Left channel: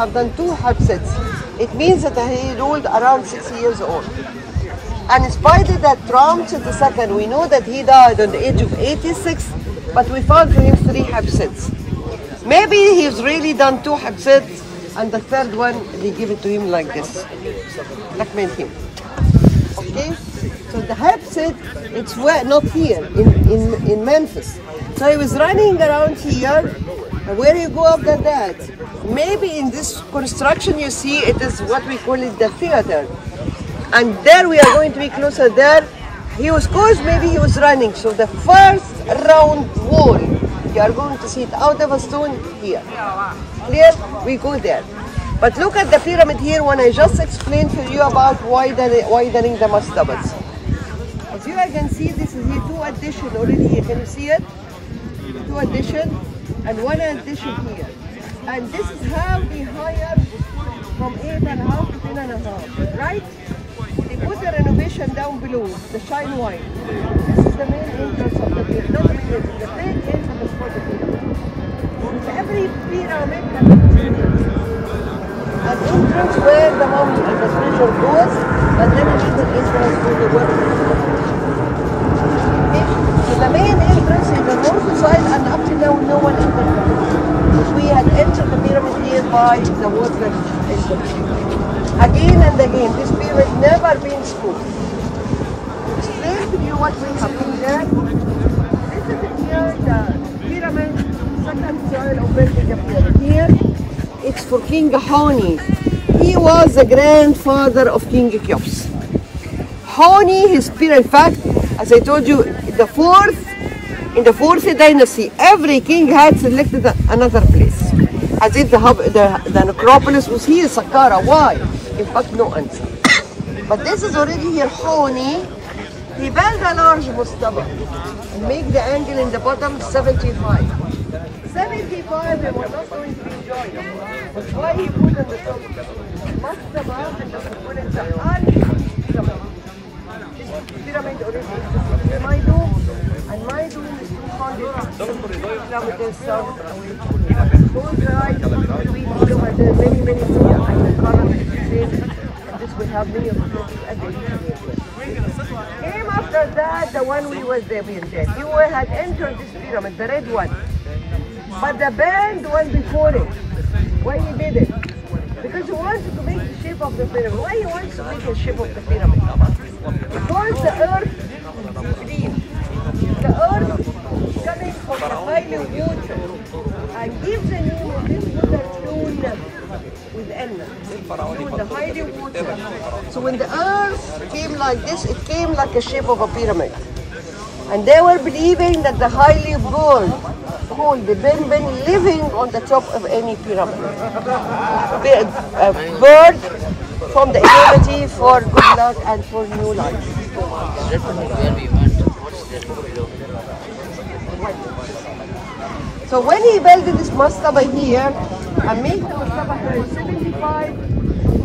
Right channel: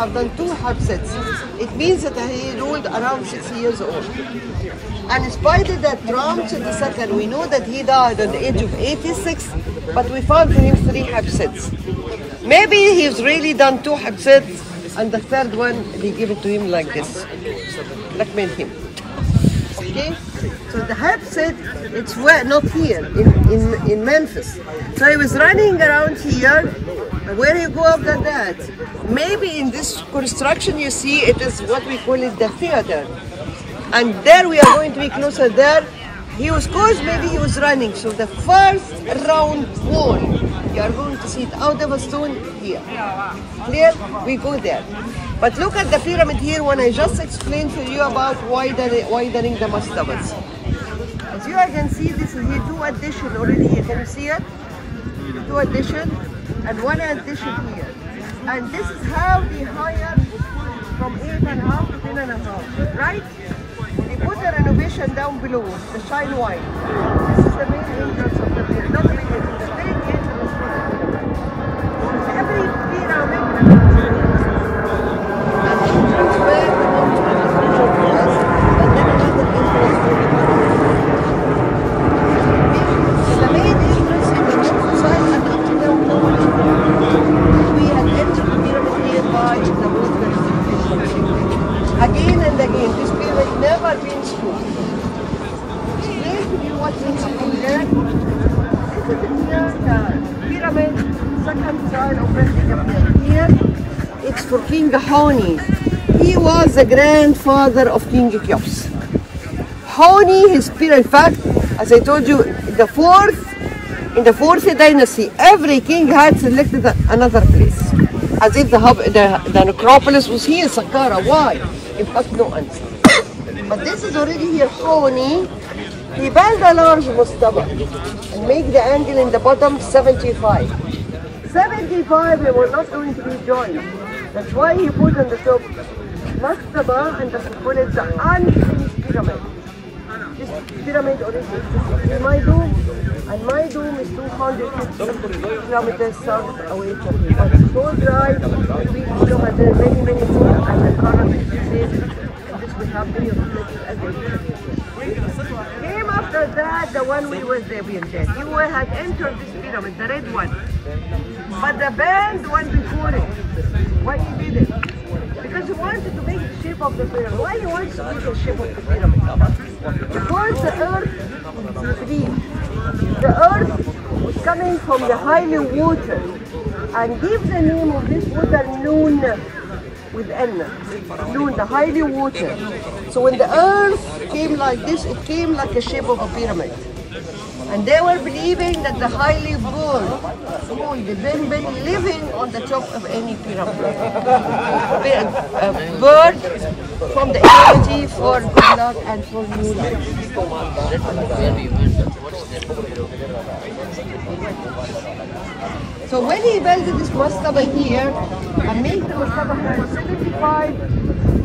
have done 2 Habsats. It means that he ruled around 60 years old. And in spite of that, Ramses II, we know that he died on the age of 86, but we found for him 3 Habsats. Maybe he's really done 2 Habsats, and the 3rd one, they give it to him like this. Like made him. Okay? So the Habsat, it's where, not here, in Memphis. So he was running around here. Where you go after that? Maybe in this construction you see, it is what we call it the theater. And there we are going to be closer there. He was close, maybe he was running. So the first round wall, you are going to see it out of a stone here. Clear? We go there. But look at the pyramid here when I just explained to you about widening the mastabas. As you can see, this is here 2 addition already here. Can you see it? 2 addition and 1 addition here. And this is how we hire from 8.5 to 10.5, right? They put the renovation down below, the shine white. This is the main entrance of the pyramid, not the main entrance, the main entrance for the pyramid. So every pyramid, the entrance where the mountain, the structure goes, and then another entrance for the pyramid. So the main entrance is the north side, and up to now no one is there. We have entered the pyramid here by the water. Again and again, this pyramid never been screwed. Explain to you what we have done there. This is the pyramid, second side of the here. It's for King Hauni. He was the grandfather of King Cheops. Hauni, his pyramid, in fact, as I told you, in the fourth dynasty, every king had selected another place. As if the necropolis was here, Saqqara. Why? In fact, no answer. But this is already here, Hauni. He built a large mastaba and make the angle in the bottom 75. 75, they were not going to be joined. That's why he put on the top mastaba and put it the unfinished pyramid. This pyramid already exists in my dome, and my dome is 250 kilometers south away from here. But it's so dry, 3 kilometers, many feet, and the current is safe. This will have many of the places as they came after that, the one we was there being dead. You had entered this pyramid, the red one. But the band went before it. Why he did it? Because he wanted to make the shape of the pyramid. Why he wants to make the shape of the pyramid? Because the earth deep. The earth is coming from the highly water and gives the name of this water Noon with N. Noon, the highly water. So when the earth came like this, it came like the shape of a pyramid. And they were believing that the highly bird called the Benben living on the top of any pyramid. A bird from the eternity for good luck and for new life. So when he built this mastaba here, and made the mastaba for 75,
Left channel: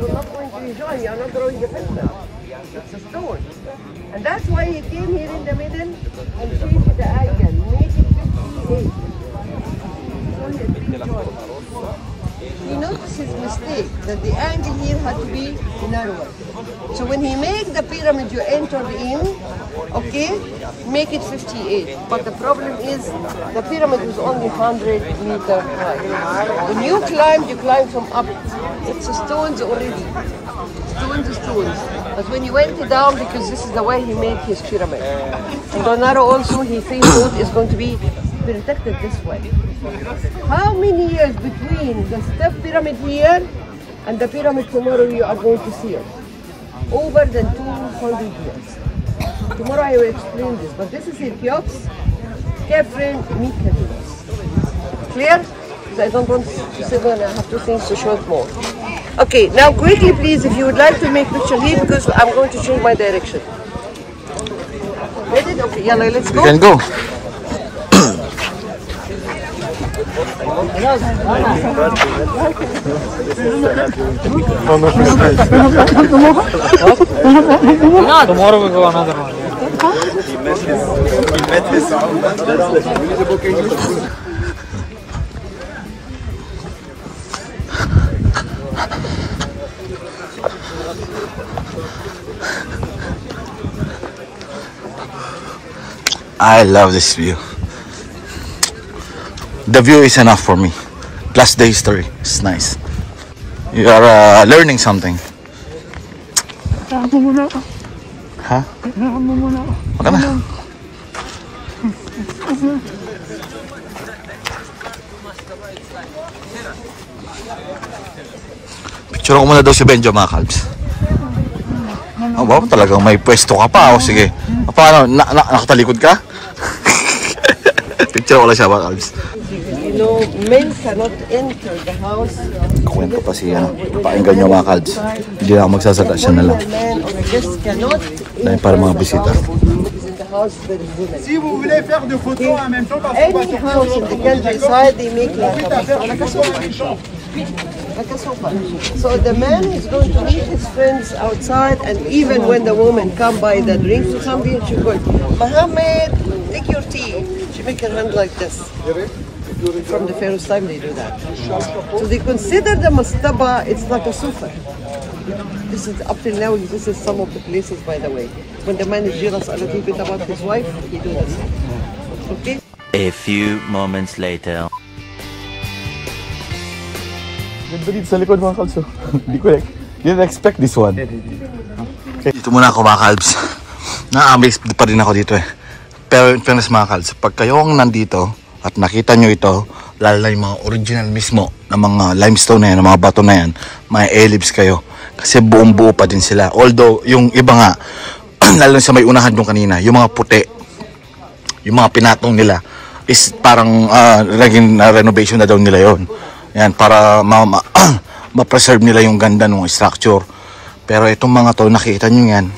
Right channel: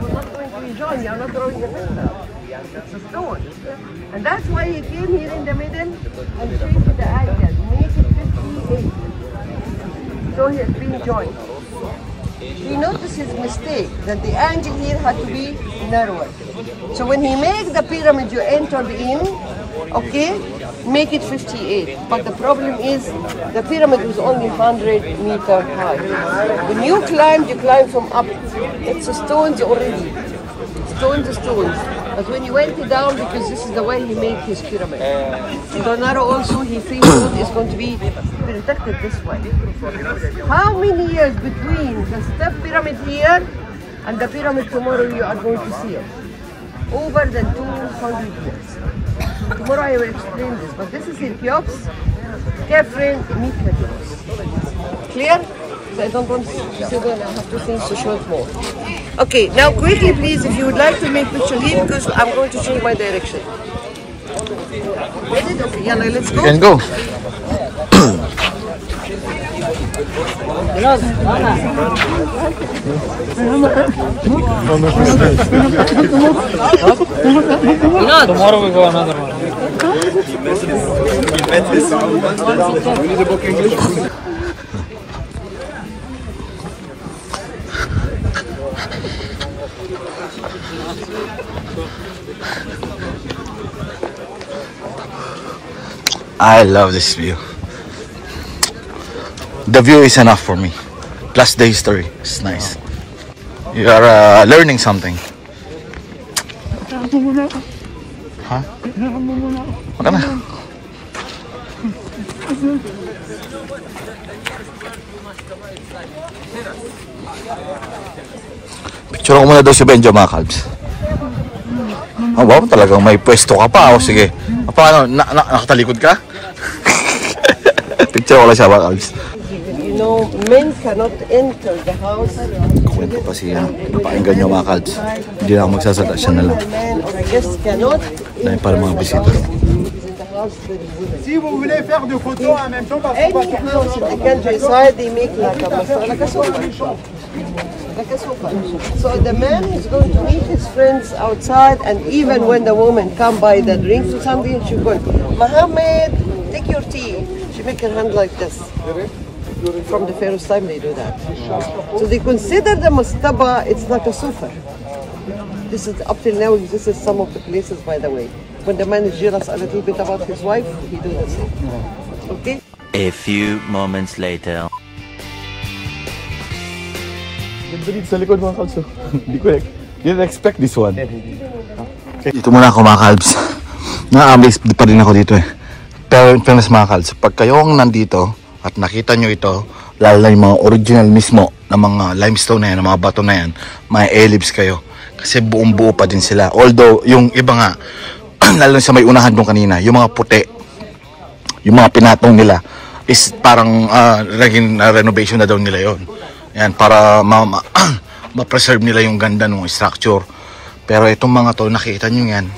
you're not going to enjoy, you're not throwing it in there. It's a stone. And that's why he came here in the middle and changed the angle, make it 58. So he has been joined. He noticed his mistake, that the angle here had to be narrower. So when he made the pyramid you entered in, okay, make it 58. But the problem is, the pyramid was only 100 meters high. When you climb from up. It's stones already. Stones. But when you went down, because this is the way he made his pyramid. And Donaro also, he figured is going to be protected this way. How many years between the step pyramid here and the pyramid tomorrow you are going to see it? Over than 200 years. Tomorrow I will explain this, but this is in Cheops, Kefren, Mikhail. Clear? So I don't want to say that I have 2 things to show it more. Okay, now quickly please, if you would like to make picture here, because I'm going to change my direction. Ready? Okay, yellow, let's go. You can go. Tomorrow we go another one. We need a book English. I love this view. The view is enough for me. Plus the history. It's nice. You are learning something. Huh? Waka na. Picture ko muna daw si Benjo, mga kalbs. Oh, wow, talagang may pwesto ka pa. O, sige. Paano? Nakatalikod ka? Picture ko lang siya, mga kalbs. You know, men cannot enter the house. Kukwento pa si, napakinggan nyo, mga kalbs. Hindi na ako magsasada, siya na lang. Man or a guest cannot Dahil para mga bisita. Si vous voulez faire des photos en même temps, Any house in the countryside, they make like a sofa. Like a sofa. So the man is going to meet his friends outside, and even when the woman come by the drinks or something, she go, Mohammed, take your tea. She make her hand like this. From the Pharaoh's time they do that. So they consider the mastaba, it's like a sofa. This is up till now, this is some of the places, by the way. When the man is jealous a little bit about his wife, he do the same. Okay? A few moments later. Ganda dito sa likod, mga kalbs. Didn't expect this one. Okay. Dito muna ako, mga kalbs. Na-amaze pa rin ako dito eh. Pero in fairness, mga kalbs, pag kayo ang nandito at nakita nyo ito, lalo na yung mga original mismo na mga limestone na yan, na mga bato na yan, may ellipse kayo. Kasi buong buo pa din sila. Although, yung iba nga, lalo na sa may unahan doon kanina, yung mga puti, yung mga pinatong nila, is parang naging renovation na daw nila yon. Yan, para ma-preserve nila yung ganda ng structure. Pero itong mga to, nakita nyo yan,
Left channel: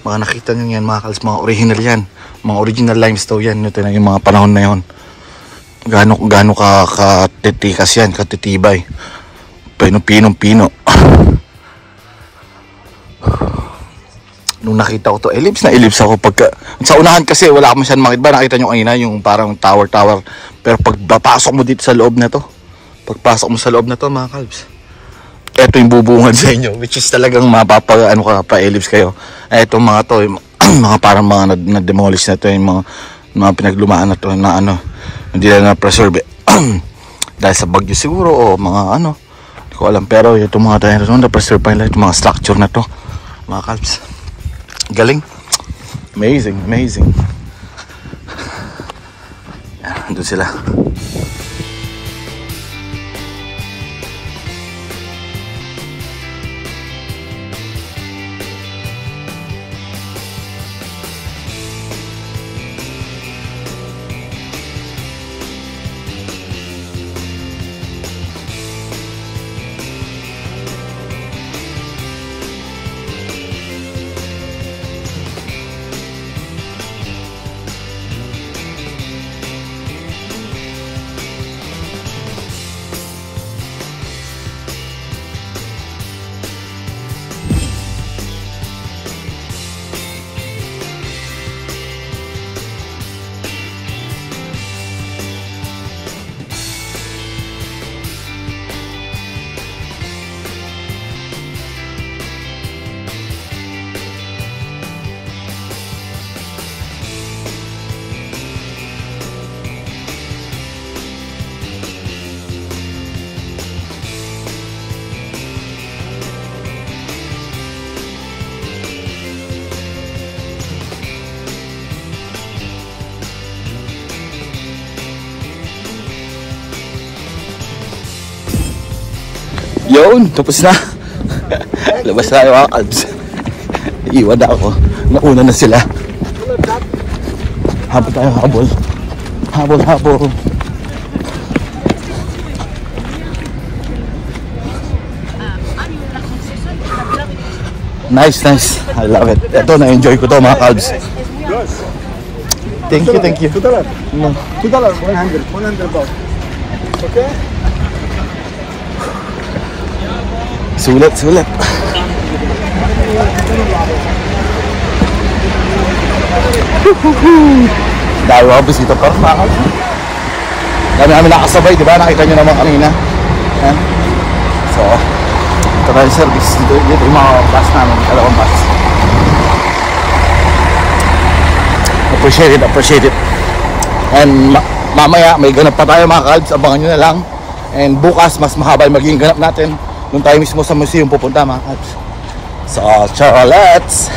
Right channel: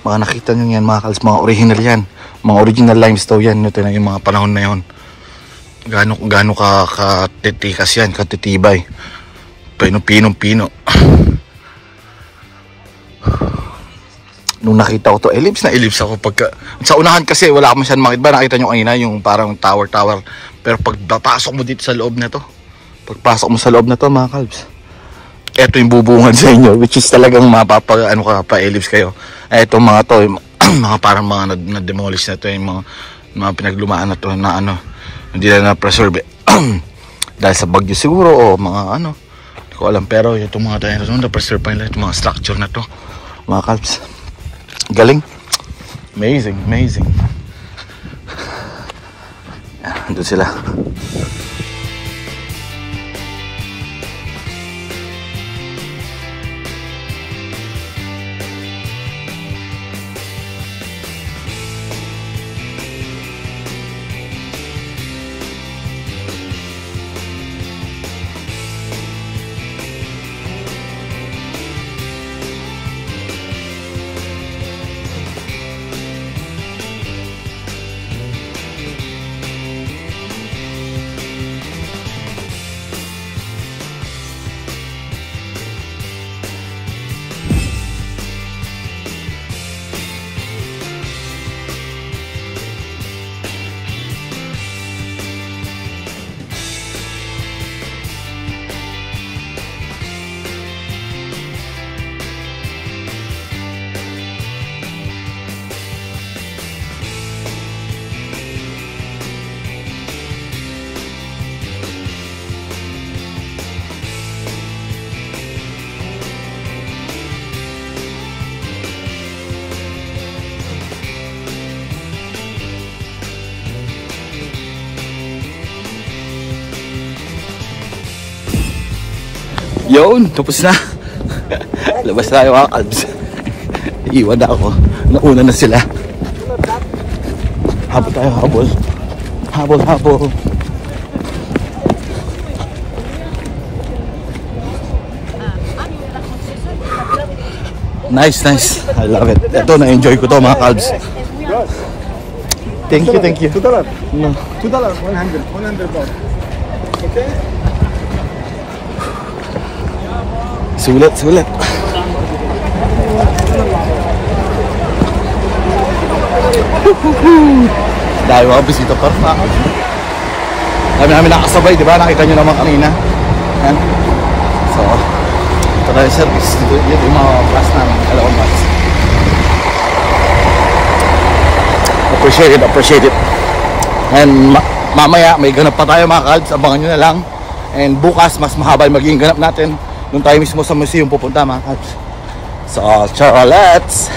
mga kalbs, mga original yan. Mga original limestone yan, ito na yung mga panahon na yon. Gaano katitikas yan, katitibay. Pinong-pino. Nung nakita ko to, ellipse ako pagka sa unahan kasi wala akong masyadong makita. Nakita nyo kanina yung parang tower. Pero pag papasok mo dito sa loob na to, mga kalbs, eto yung bubungan sa inyo, which is talagang pa-ellipse kayo. Eto mga to, mga parang mga na-demolish na to, yung mga pinaglumaan na to na hindi na na-preserve dahil sa bagyo siguro o mga hindi ko alam. Pero itong mga tayo na-preserve pa nila itong mga structure na to, mga kalbs. Galing. Amazing. Andun sila. Yun, tapos na. Labas na yung mga kalbs. Iwan na ako. Nauna na sila. Habol tayo, habol. Nice. I love it. Ito, na-enjoy ko to, mga kalbs. Thank you. $2. No. $2, 100 baht. Okay? Sulit. Dahil mga bisita pa rin, mga kalbs. Dami namin nakasabay, di ba? Nakita nyo naman kanina. Yan. So, Ito tayo service. Dito yung mga bus namin. Dalawang bus. Appreciate it. And mamaya may ganap pa tayo mga kalbs. Abangan nyo na lang. And bukas mas mahaba yung magiging ganap natin. Doon tayo mismo sa museum pupunta mga kalbs. So, let's